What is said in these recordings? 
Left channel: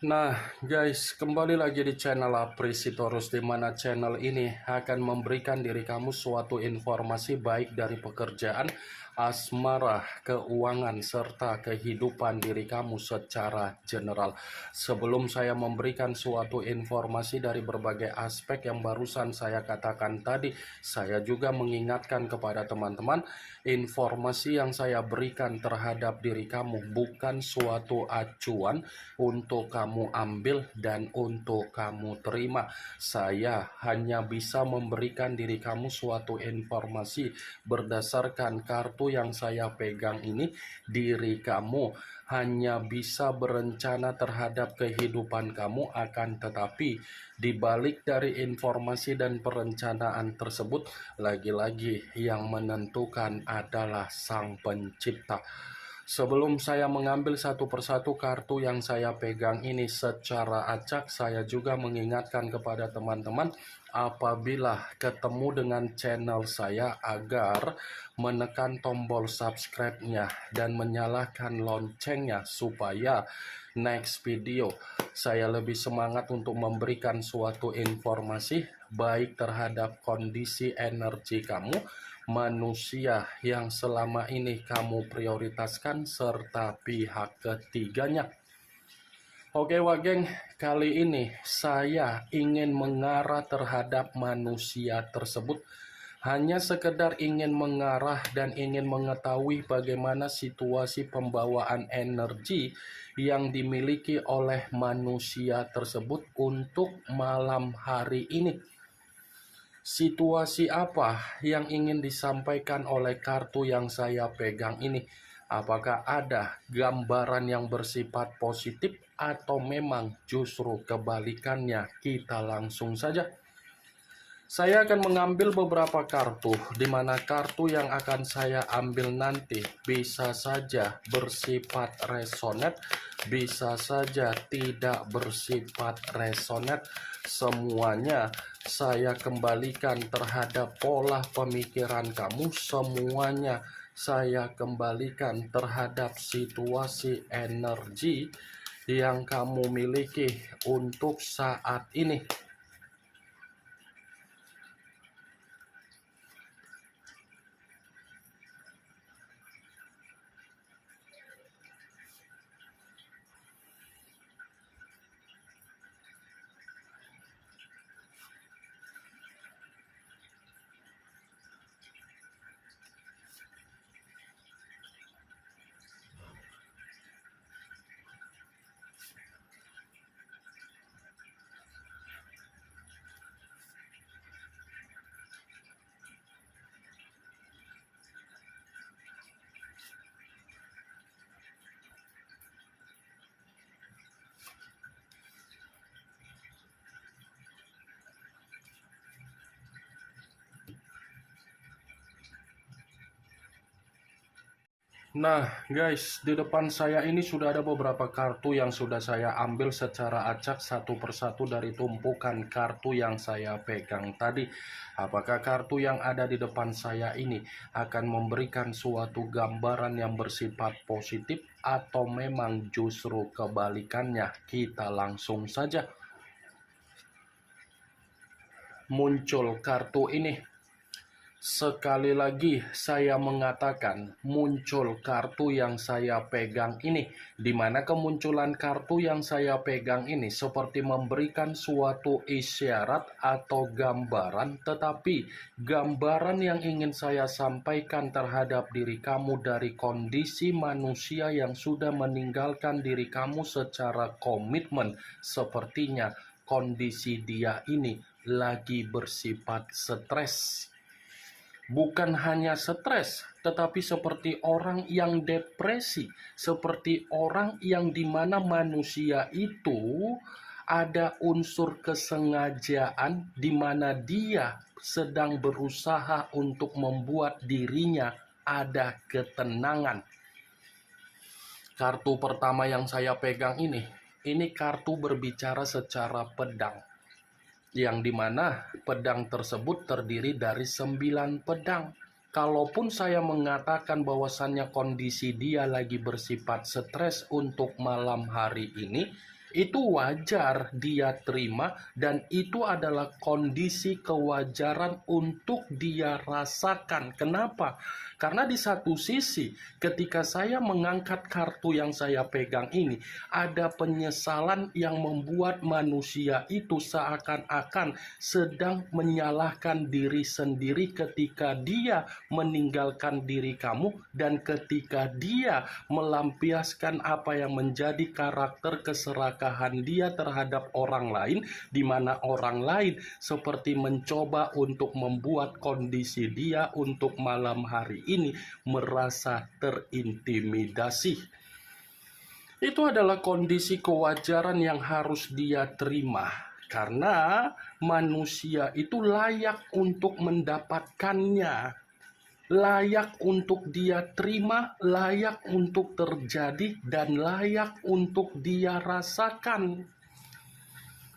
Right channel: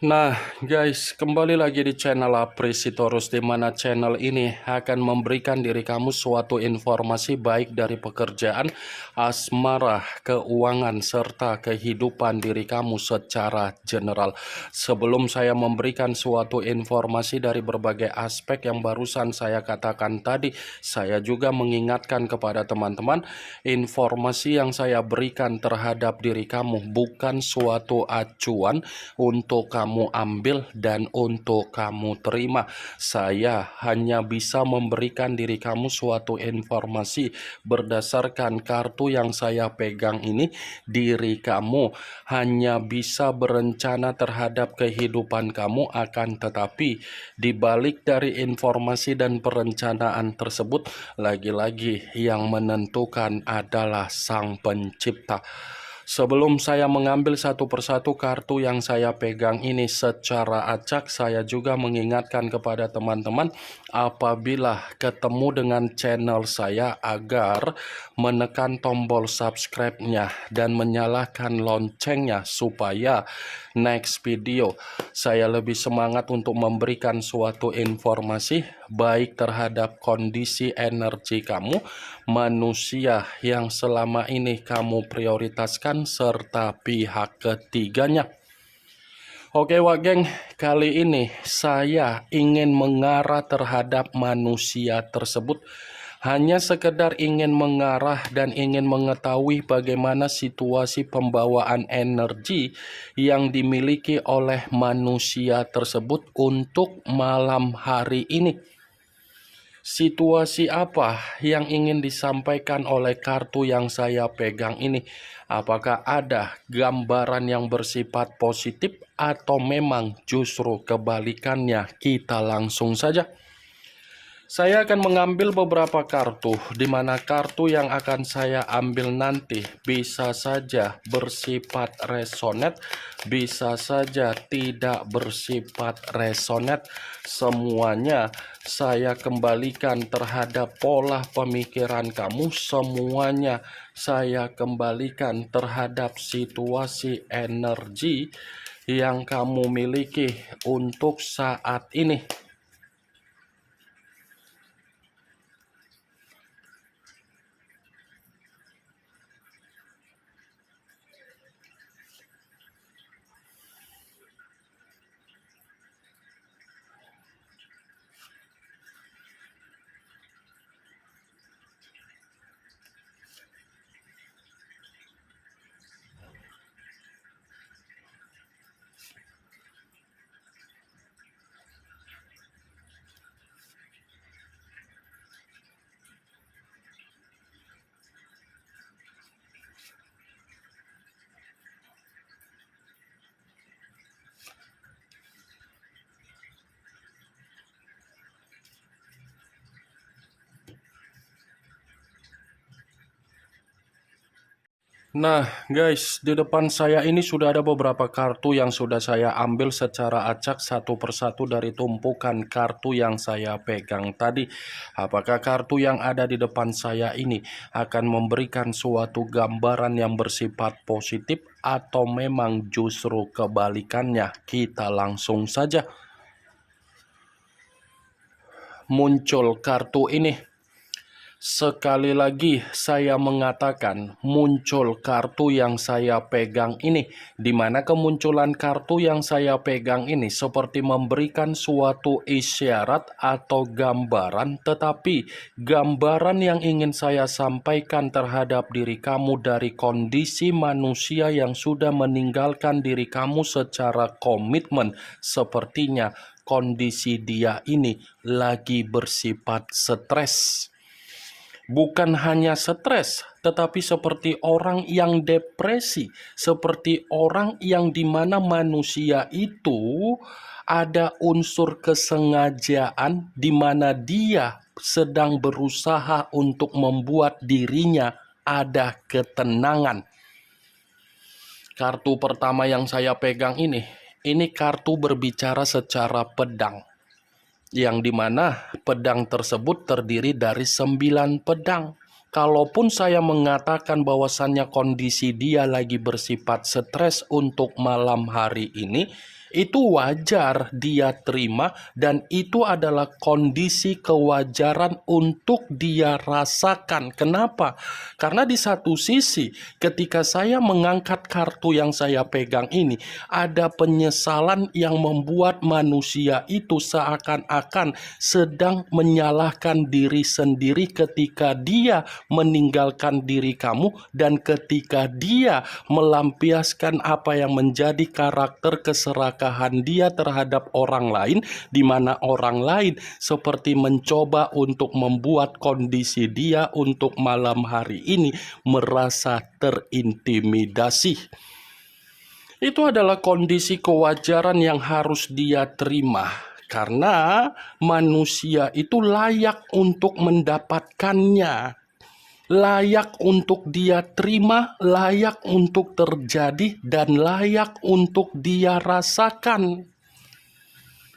Nah, guys, kembali lagi di channel Apresitorus, di mana channel ini akan memberikan diri kamu suatu informasi baik dari pekerjaan, asmara, keuangan, serta kehidupan diri kamu secara general. Sebelum saya memberikan suatu informasi dari berbagai aspek yang barusan saya katakan tadi, saya juga mengingatkan kepada teman-teman, informasi yang saya berikan terhadap diri kamu bukan suatu acuan untuk kamu ambil dan untuk kamu terima. Saya hanya bisa memberikan diri kamu suatu informasi berdasarkan kartu yang saya pegang ini. Diri kamu hanya bisa berencana terhadap kehidupan kamu, akan tetapi dibalik dari informasi dan perencanaan tersebut, lagi-lagi yang menentukan adalah Sang Pencipta. Sebelum saya mengambil satu persatu kartu yang saya pegang ini secara acak, saya juga mengingatkan kepada teman-teman apabila ketemu dengan channel saya agar menekan tombol subscribe-nya dan menyalakan loncengnya supaya next video saya lebih semangat untuk memberikan suatu informasi baik terhadap kondisi energi kamu, manusia yang selama ini kamu prioritaskan, serta pihak ketiganya. Oke Wageng, kali ini saya ingin mengarah terhadap manusia tersebut. Hanya sekedar ingin mengarah dan ingin mengetahui bagaimana situasi pembawaan energi yang dimiliki oleh manusia tersebut untuk malam hari ini. Situasi apa yang ingin disampaikan oleh kartu yang saya pegang ini? Apakah ada gambaran yang bersifat positif atau memang justru kebalikannya? Kita langsung saja. Saya akan mengambil beberapa kartu, di mana kartu yang akan saya ambil nanti bisa saja bersifat resonate, bisa saja tidak bersifat resonate. Semuanya saya kembalikan terhadap pola pemikiran kamu, semuanya saya kembalikan terhadap situasi energi yang kamu miliki untuk saat ini. Nah guys, di depan saya ini sudah ada beberapa kartu yang sudah saya ambil secara acak satu persatu dari tumpukan kartu yang saya pegang tadi. Apakah kartu yang ada di depan saya ini akan memberikan suatu gambaran yang bersifat positif atau memang justru kebalikannya? Kita langsung saja. Muncul kartu ini. Sekali lagi saya mengatakan muncul kartu yang saya pegang ini, di mana kemunculan kartu yang saya pegang ini seperti memberikan suatu isyarat atau gambaran, tetapi gambaran yang ingin saya sampaikan terhadap diri kamu dari kondisi manusia yang sudah meninggalkan diri kamu secara komitmen, sepertinya kondisi dia ini lagi bersifat stres. Bukan hanya stres, tetapi seperti orang yang depresi, seperti orang yang dimana manusia itu ada unsur kesengajaan di mana dia sedang berusaha untuk membuat dirinya ada ketenangan. Kartu pertama yang saya pegang ini kartu berbicara secara pedang, yang dimana pedang tersebut terdiri dari 9 pedang. Kalaupun saya mengatakan bahwasannya kondisi dia lagi bersifat stres untuk malam hari ini, Itu wajar dia terima, dan itu adalah kondisi kewajaran untuk dia rasakan. Kenapa? Karena di satu sisi, ketika saya mengangkat kartu yang saya pegang ini, ada penyesalan yang membuat manusia itu seakan-akan sedang menyalahkan diri sendiri ketika dia meninggalkan diri kamu, dan ketika dia melampiaskan apa yang menjadi karakter keserakahan dia terhadap orang lain, di mana orang lain seperti mencoba untuk membuat kondisi dia untuk malam hari ini merasa terintimidasi. Itu adalah kondisi kewajaran yang harus dia terima, karena manusia itu layak untuk mendapatkannya, layak untuk dia terima, layak untuk terjadi, dan layak untuk dia rasakan.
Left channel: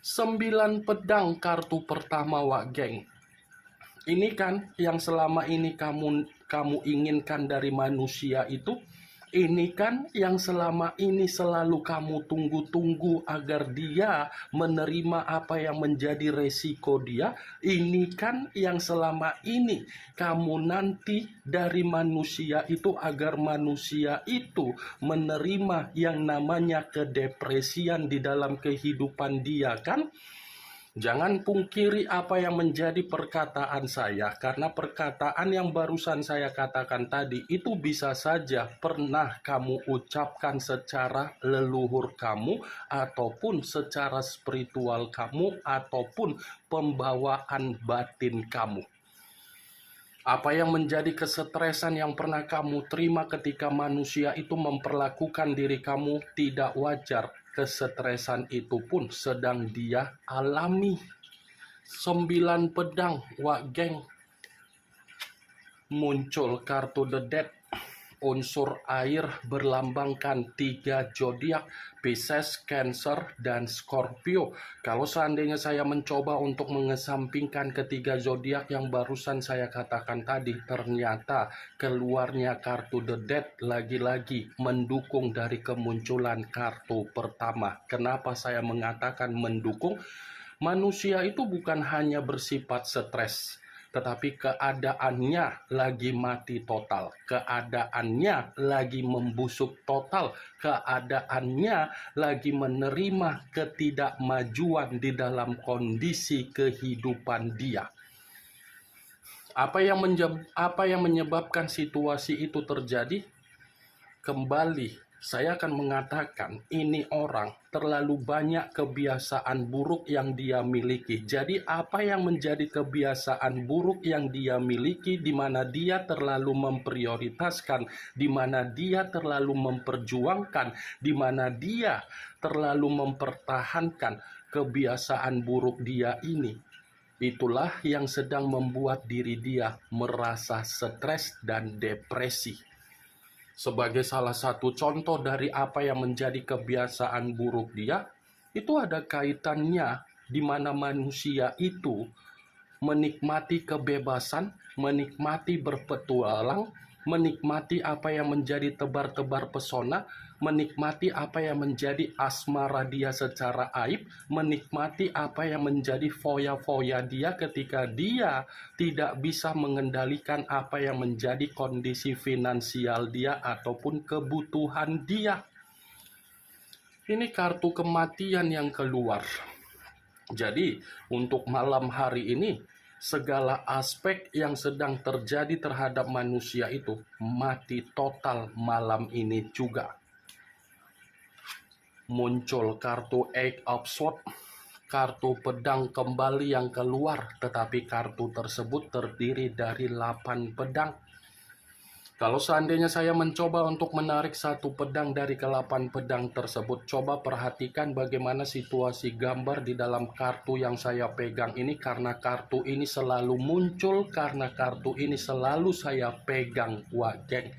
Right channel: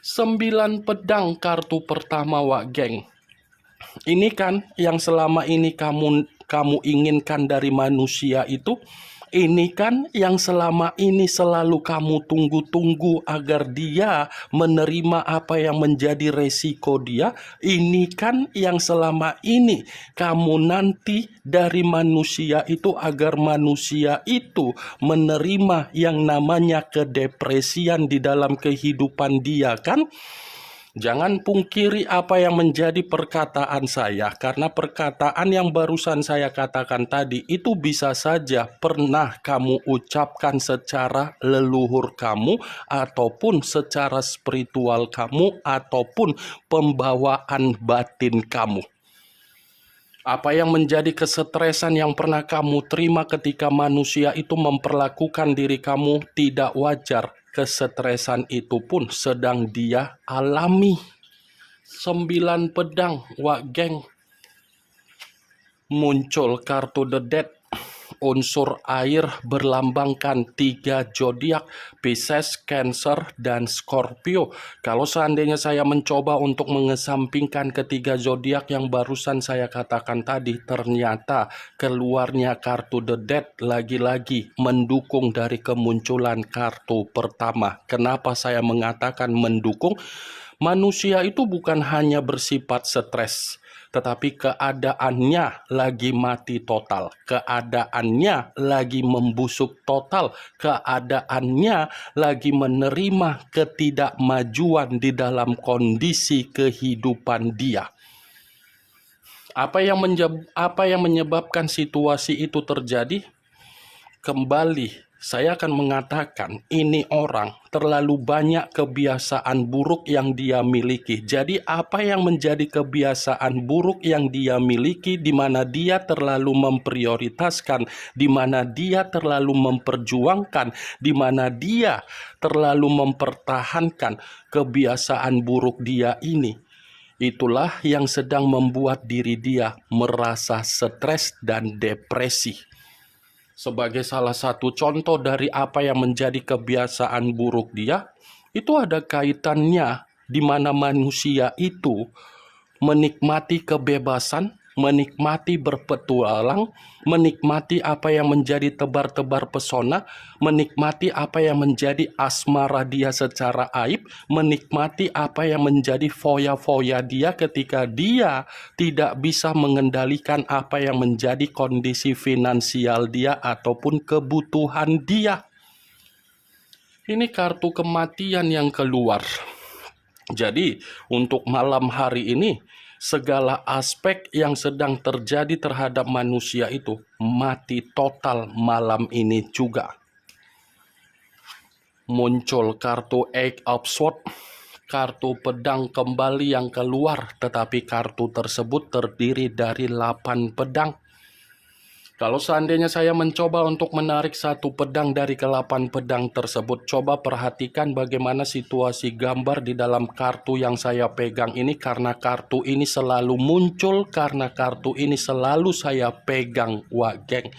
9 pedang kartu pertama, Wak Geng. Ini kan yang selama ini kamu inginkan dari manusia itu. Ini kan yang selama ini selalu kamu tunggu-tunggu agar dia menerima apa yang menjadi resiko dia. Ini kan yang selama ini kamu nanti dari manusia itu, agar manusia itu menerima yang namanya kedepresian di dalam kehidupan dia, kan? Jangan pungkiri apa yang menjadi perkataan saya, karena perkataan yang barusan saya katakan tadi itu bisa saja pernah kamu ucapkan secara leluhur kamu, ataupun secara spiritual kamu, ataupun pembawaan batin kamu. Apa yang menjadi kesetresan yang pernah kamu terima ketika manusia itu memperlakukan diri kamu tidak wajar, kesetresan itu pun sedang dia alami. 9 pedang, Wak Geng. Muncul kartu The Death. Unsur air berlambangkan 3 zodiak, Pisces, Cancer, dan Scorpio. Kalau seandainya saya mencoba untuk mengesampingkan ketiga zodiak yang barusan saya katakan tadi, ternyata keluarnya kartu The Death lagi-lagi mendukung dari kemunculan kartu pertama. Kenapa saya mengatakan mendukung? Manusia itu bukan hanya bersifat stres, tetapi keadaannya lagi mati total, keadaannya lagi membusuk total, keadaannya lagi menerima ketidakmajuan di dalam kondisi kehidupan dia. Apa yang menyebabkan situasi itu terjadi? Kembali saya akan mengatakan, ini orang terlalu banyak kebiasaan buruk yang dia miliki. Jadi apa yang menjadi kebiasaan buruk yang dia miliki, di mana dia terlalu memprioritaskan, di mana dia terlalu memperjuangkan, di mana dia terlalu mempertahankan kebiasaan buruk dia ini. Itulah yang sedang membuat diri dia merasa stres dan depresi. Sebagai salah satu contoh dari apa yang menjadi kebiasaan buruk dia, itu ada kaitannya di mana manusia itu menikmati kebebasan, menikmati berpetualang, menikmati apa yang menjadi tebar-tebar pesona, menikmati apa yang menjadi asmara dia secara aib, menikmati apa yang menjadi foya-foya dia ketika dia tidak bisa mengendalikan apa yang menjadi kondisi finansial dia ataupun kebutuhan dia. Ini kartu kematian yang keluar. Jadi, untuk malam hari ini, segala aspek yang sedang terjadi terhadap manusia itu mati total malam ini juga. Muncul kartu Eight of Swords, kartu pedang kembali yang keluar, tetapi kartu tersebut terdiri dari 8 pedang. Kalau seandainya saya mencoba untuk menarik satu pedang dari ke-8 pedang tersebut, coba perhatikan bagaimana situasi gambar di dalam kartu yang saya pegang ini, karena kartu ini selalu muncul, karena kartu ini selalu saya pegang, Wak Geng.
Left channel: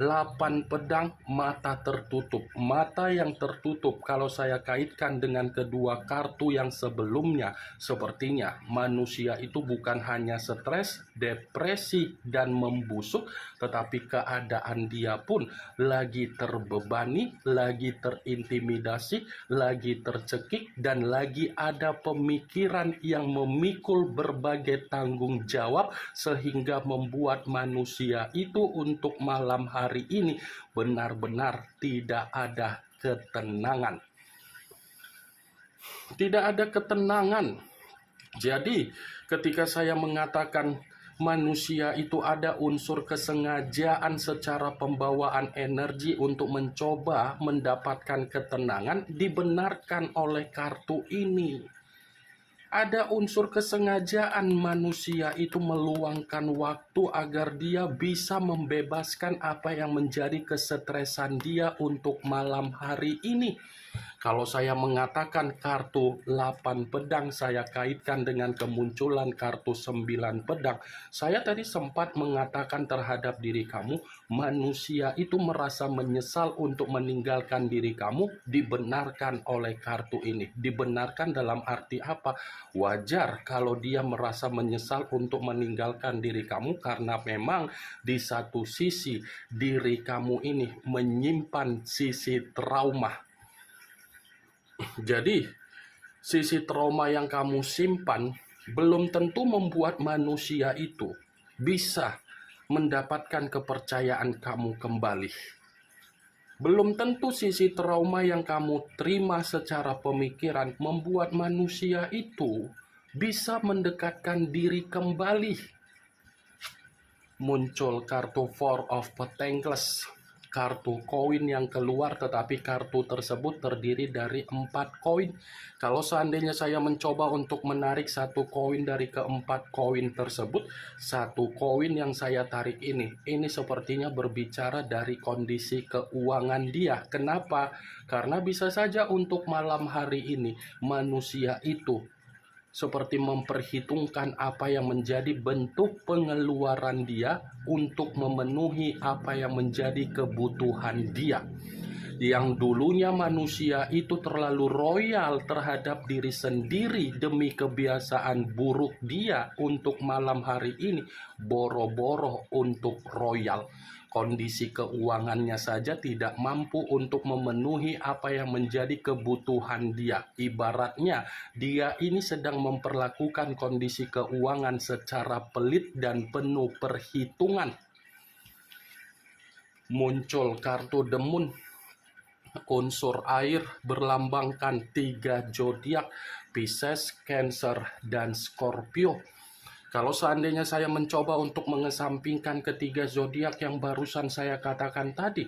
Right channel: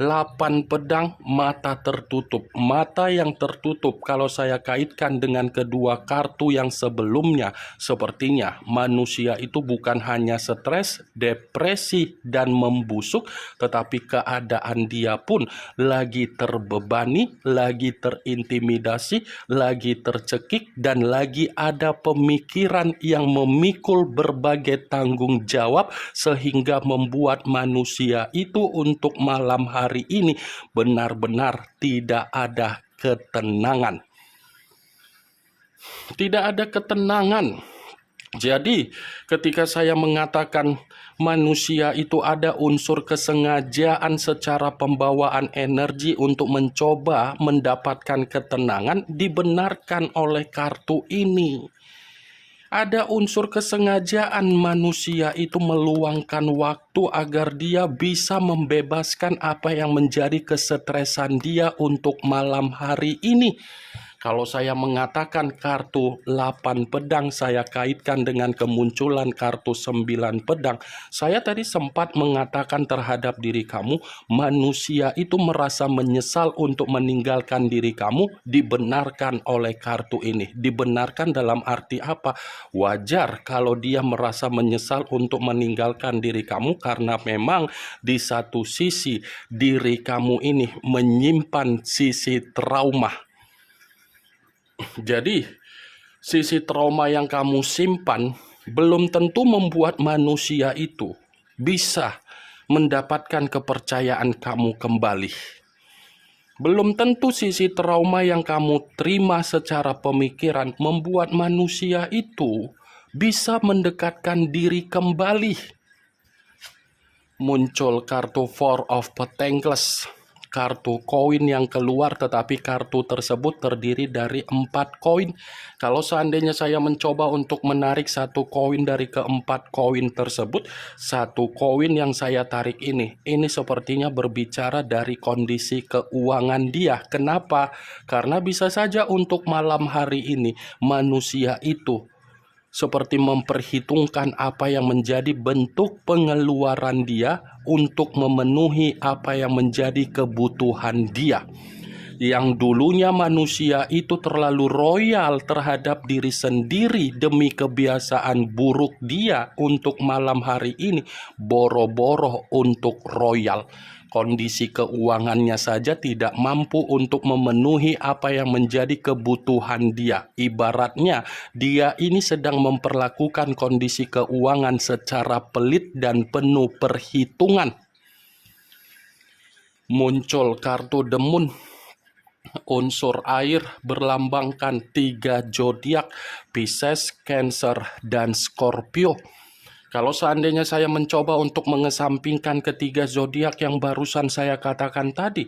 8 pedang, mata tertutup. Mata yang tertutup kalau saya kaitkan dengan kedua kartu yang sebelumnya, sepertinya manusia itu bukan hanya stres, depresi, dan membusuk, tetapi keadaan dia pun lagi terbebani, lagi terintimidasi, lagi tercekik, dan lagi ada pemikiran yang memikul berbagai tanggung jawab sehingga membuat manusia itu untuk malam hari ini benar-benar tidak ada ketenangan. Tidak ada ketenangan. Jadi, ketika saya mengatakan manusia itu ada unsur kesengajaan secara pembawaan energi untuk mencoba mendapatkan ketenangan, dibenarkan oleh kartu ini. Ada unsur kesengajaan manusia itu meluangkan waktu agar dia bisa membebaskan apa yang menjadi kesetresan dia untuk malam hari ini. Kalau saya mengatakan kartu 8 pedang, saya kaitkan dengan kemunculan kartu 9 pedang. Saya tadi sempat mengatakan terhadap diri kamu, manusia itu merasa menyesal untuk meninggalkan diri kamu, dibenarkan oleh kartu ini. Dibenarkan dalam arti apa? Wajar kalau dia merasa menyesal untuk meninggalkan diri kamu, karena memang di satu sisi diri kamu ini menyimpan sisi trauma. Jadi, sisi trauma yang kamu simpan belum tentu membuat manusia itu bisa mendapatkan kepercayaan kamu kembali. Belum tentu sisi trauma yang kamu terima secara pemikiran membuat manusia itu bisa mendekatkan diri kembali. Muncul kartu Four of Pentacles. Kartu koin yang keluar, tetapi kartu tersebut terdiri dari 4 koin. Kalau seandainya saya mencoba untuk menarik satu koin dari keempat koin tersebut, satu koin yang saya tarik ini sepertinya berbicara dari kondisi keuangan dia. Kenapa? Karena bisa saja untuk malam hari ini manusia itu seperti memperhitungkan apa yang menjadi bentuk pengeluaran dia untuk memenuhi apa yang menjadi kebutuhan dia. Yang dulunya manusia itu terlalu royal terhadap diri sendiri demi kebiasaan buruk dia, untuk malam hari ini boro-boro untuk royal. Kondisi keuangannya saja tidak mampu untuk memenuhi apa yang menjadi kebutuhan dia. Ibaratnya dia ini sedang memperlakukan kondisi keuangan secara pelit dan penuh perhitungan. Muncul kartu The Moon. Unsur air berlambangkan 3 zodiak, Pisces, Cancer, dan Scorpio. Kalau seandainya saya mencoba untuk mengesampingkan ketiga zodiak yang barusan saya katakan tadi,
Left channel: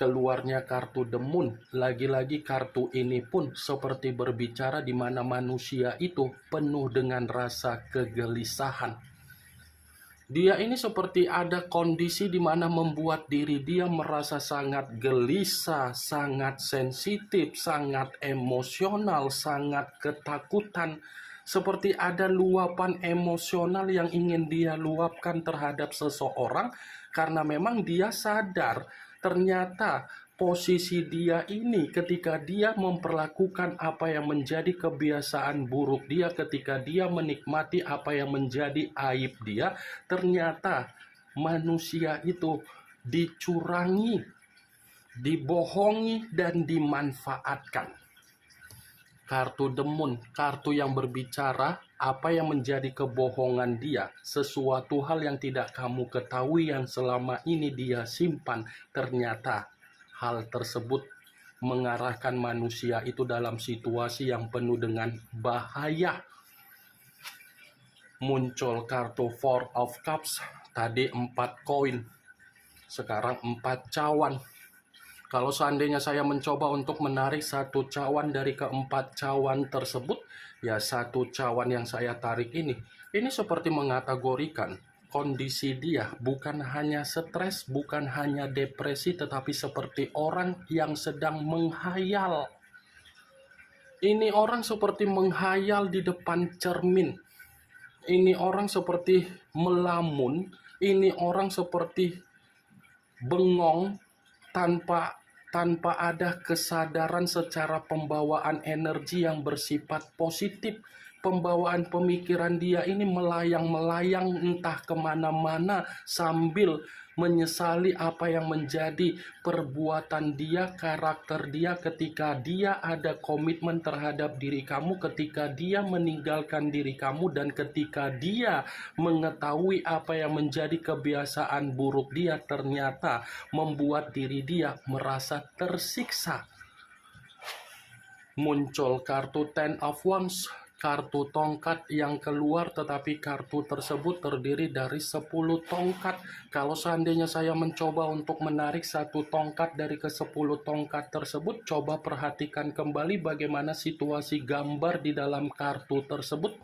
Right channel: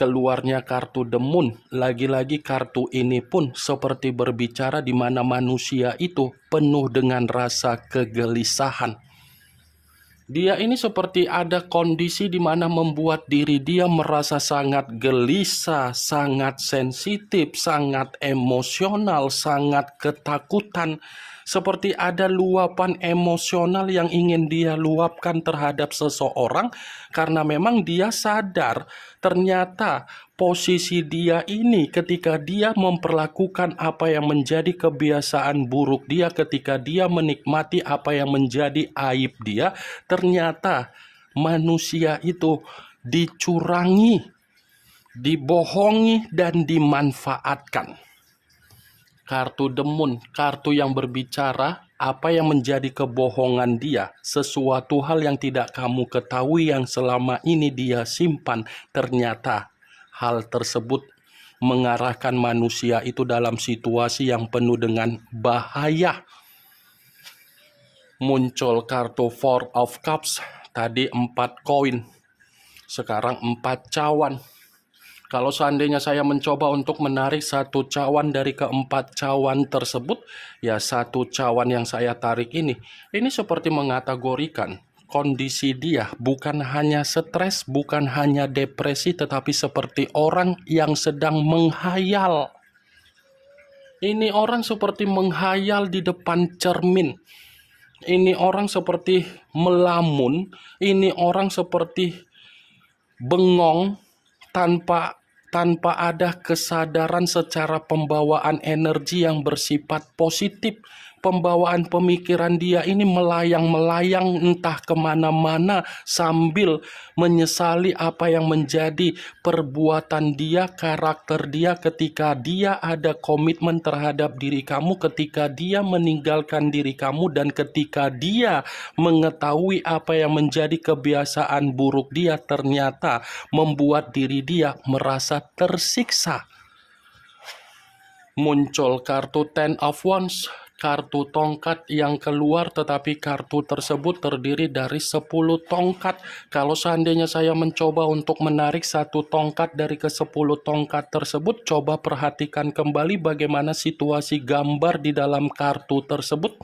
keluarnya kartu The Moon. Lagi-lagi kartu ini pun seperti berbicara di mana manusia itu penuh dengan rasa kegelisahan. Dia ini seperti ada kondisi di mana membuat diri dia merasa sangat gelisah, sangat sensitif, sangat emosional, sangat ketakutan. Seperti ada luapan emosional yang ingin dia luapkan terhadap seseorang, karena memang dia sadar ternyata posisi dia ini ketika dia memperlakukan apa yang menjadi kebiasaan buruk dia, ketika dia menikmati apa yang menjadi aib dia, ternyata manusia itu dicurangi, dibohongi, dan dimanfaatkan. Kartu The Moon, kartu yang berbicara apa yang menjadi kebohongan dia, sesuatu hal yang tidak kamu ketahui yang selama ini dia simpan. Ternyata hal tersebut mengarahkan manusia itu dalam situasi yang penuh dengan bahaya. Muncul kartu Four of Cups, tadi 4 koin, sekarang 4 cawan. Kalau seandainya saya mencoba untuk menarik satu cawan dari keempat cawan tersebut, ya satu cawan yang saya tarik ini seperti mengategorikan kondisi dia bukan hanya stres, bukan hanya depresi, tetapi seperti orang yang sedang menghayal. Ini orang seperti menghayal di depan cermin. Ini orang seperti melamun. Ini orang seperti bengong, tanpa tanpa ada kesadaran secara pembawaan energi yang bersifat positif. Pembawaan pemikiran dia ini melayang-melayang entah kemana-mana sambil menyesali apa yang menjadi perbuatan dia, karakter dia ketika dia ada komitmen terhadap diri kamu, ketika dia meninggalkan diri kamu, dan ketika dia mengetahui apa yang menjadi kebiasaan buruk dia ternyata membuat diri dia merasa tersiksa. Muncul kartu Ten of Wands, kartu tongkat yang keluar, tetapi kartu tersebut terdiri dari 10 tongkat. Kalau seandainya saya mencoba untuk menarik satu tongkat dari ke-10 tongkat tersebut, coba perhatikan kembali bagaimana situasi gambar di dalam kartu tersebut.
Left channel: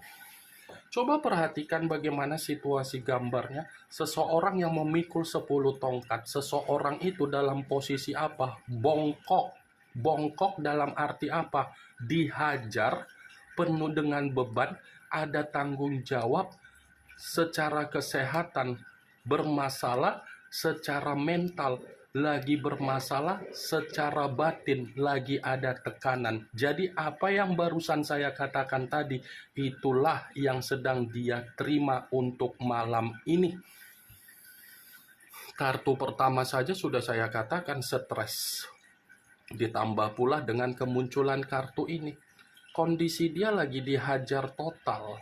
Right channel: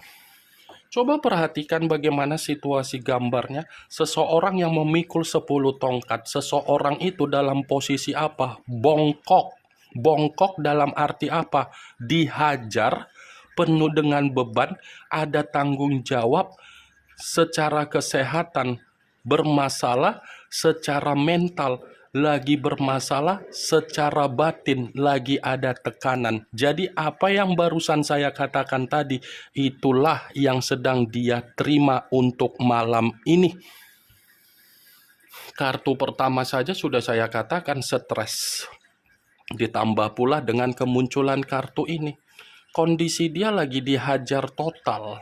Coba perhatikan bagaimana situasi gambarnya. Seseorang yang memikul 10 tongkat. Seseorang itu dalam posisi apa? Bongkok. Bongkok dalam arti apa? Dihajar, penuh dengan beban, ada tanggung jawab, secara kesehatan bermasalah, secara mental lagi bermasalah, secara batin lagi ada tekanan. Jadi apa yang barusan saya katakan tadi, itulah yang sedang dia terima untuk malam ini. Kartu pertama saja sudah saya katakan stres. Ditambah pula dengan kemunculan kartu ini. Kondisi dia lagi dihajar total.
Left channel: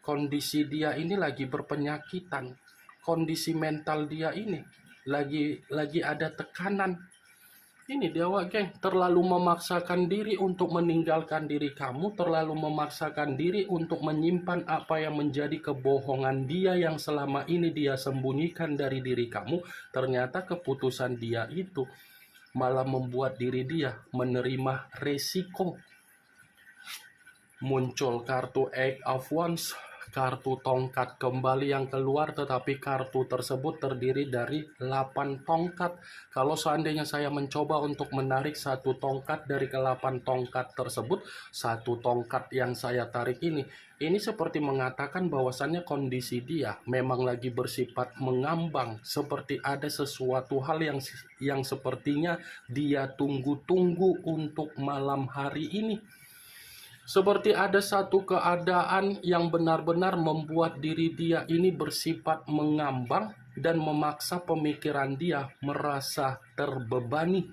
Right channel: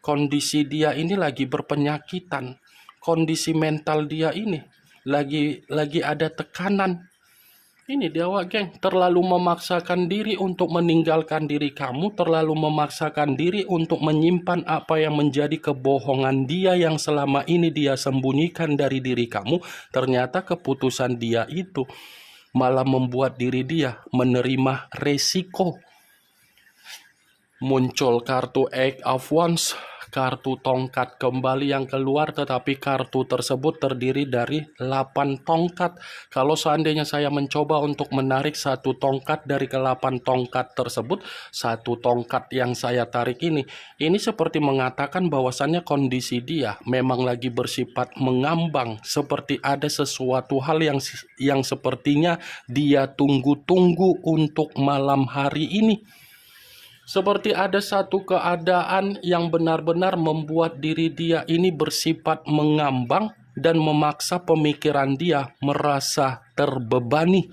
Kondisi dia ini lagi berpenyakitan. Kondisi mental dia ini lagi ada tekanan. Ini dia geng, terlalu memaksakan diri untuk meninggalkan diri kamu, terlalu memaksakan diri untuk menyimpan apa yang menjadi kebohongan dia yang selama ini dia sembunyikan dari diri kamu. Ternyata keputusan dia itu malah membuat diri dia menerima resiko. Muncul kartu Eight of Wands, kartu tongkat kembali yang keluar, tetapi kartu tersebut terdiri dari 8 tongkat. Kalau seandainya saya mencoba untuk menarik satu tongkat dari ke-8 tongkat tersebut, satu tongkat yang saya tarik ini seperti mengatakan bahwasannya kondisi dia memang lagi bersifat mengambang, seperti ada sesuatu hal yang sepertinya dia tunggu-tunggu untuk malam hari ini. Seperti ada satu keadaan yang benar-benar membuat diri dia ini bersifat mengambang dan memaksa pemikiran dia merasa terbebani.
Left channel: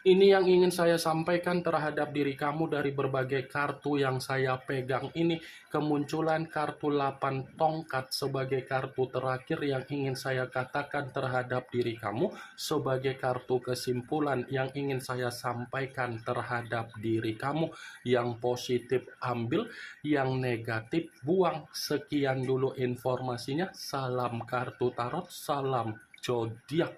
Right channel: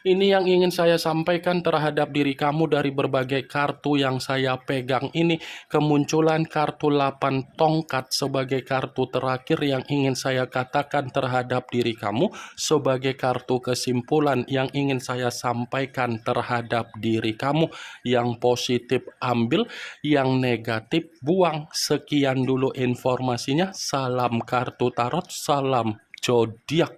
Ini yang ingin saya sampaikan terhadap diri kamu dari berbagai kartu yang saya pegang ini. Kemunculan kartu 8 tongkat sebagai kartu terakhir yang ingin saya katakan terhadap diri kamu, sebagai kartu kesimpulan yang ingin saya sampaikan terhadap diri kamu. Yang positif ambil, yang negatif buang. Sekian dulu informasinya. Salam kartu tarot, salam zodiak.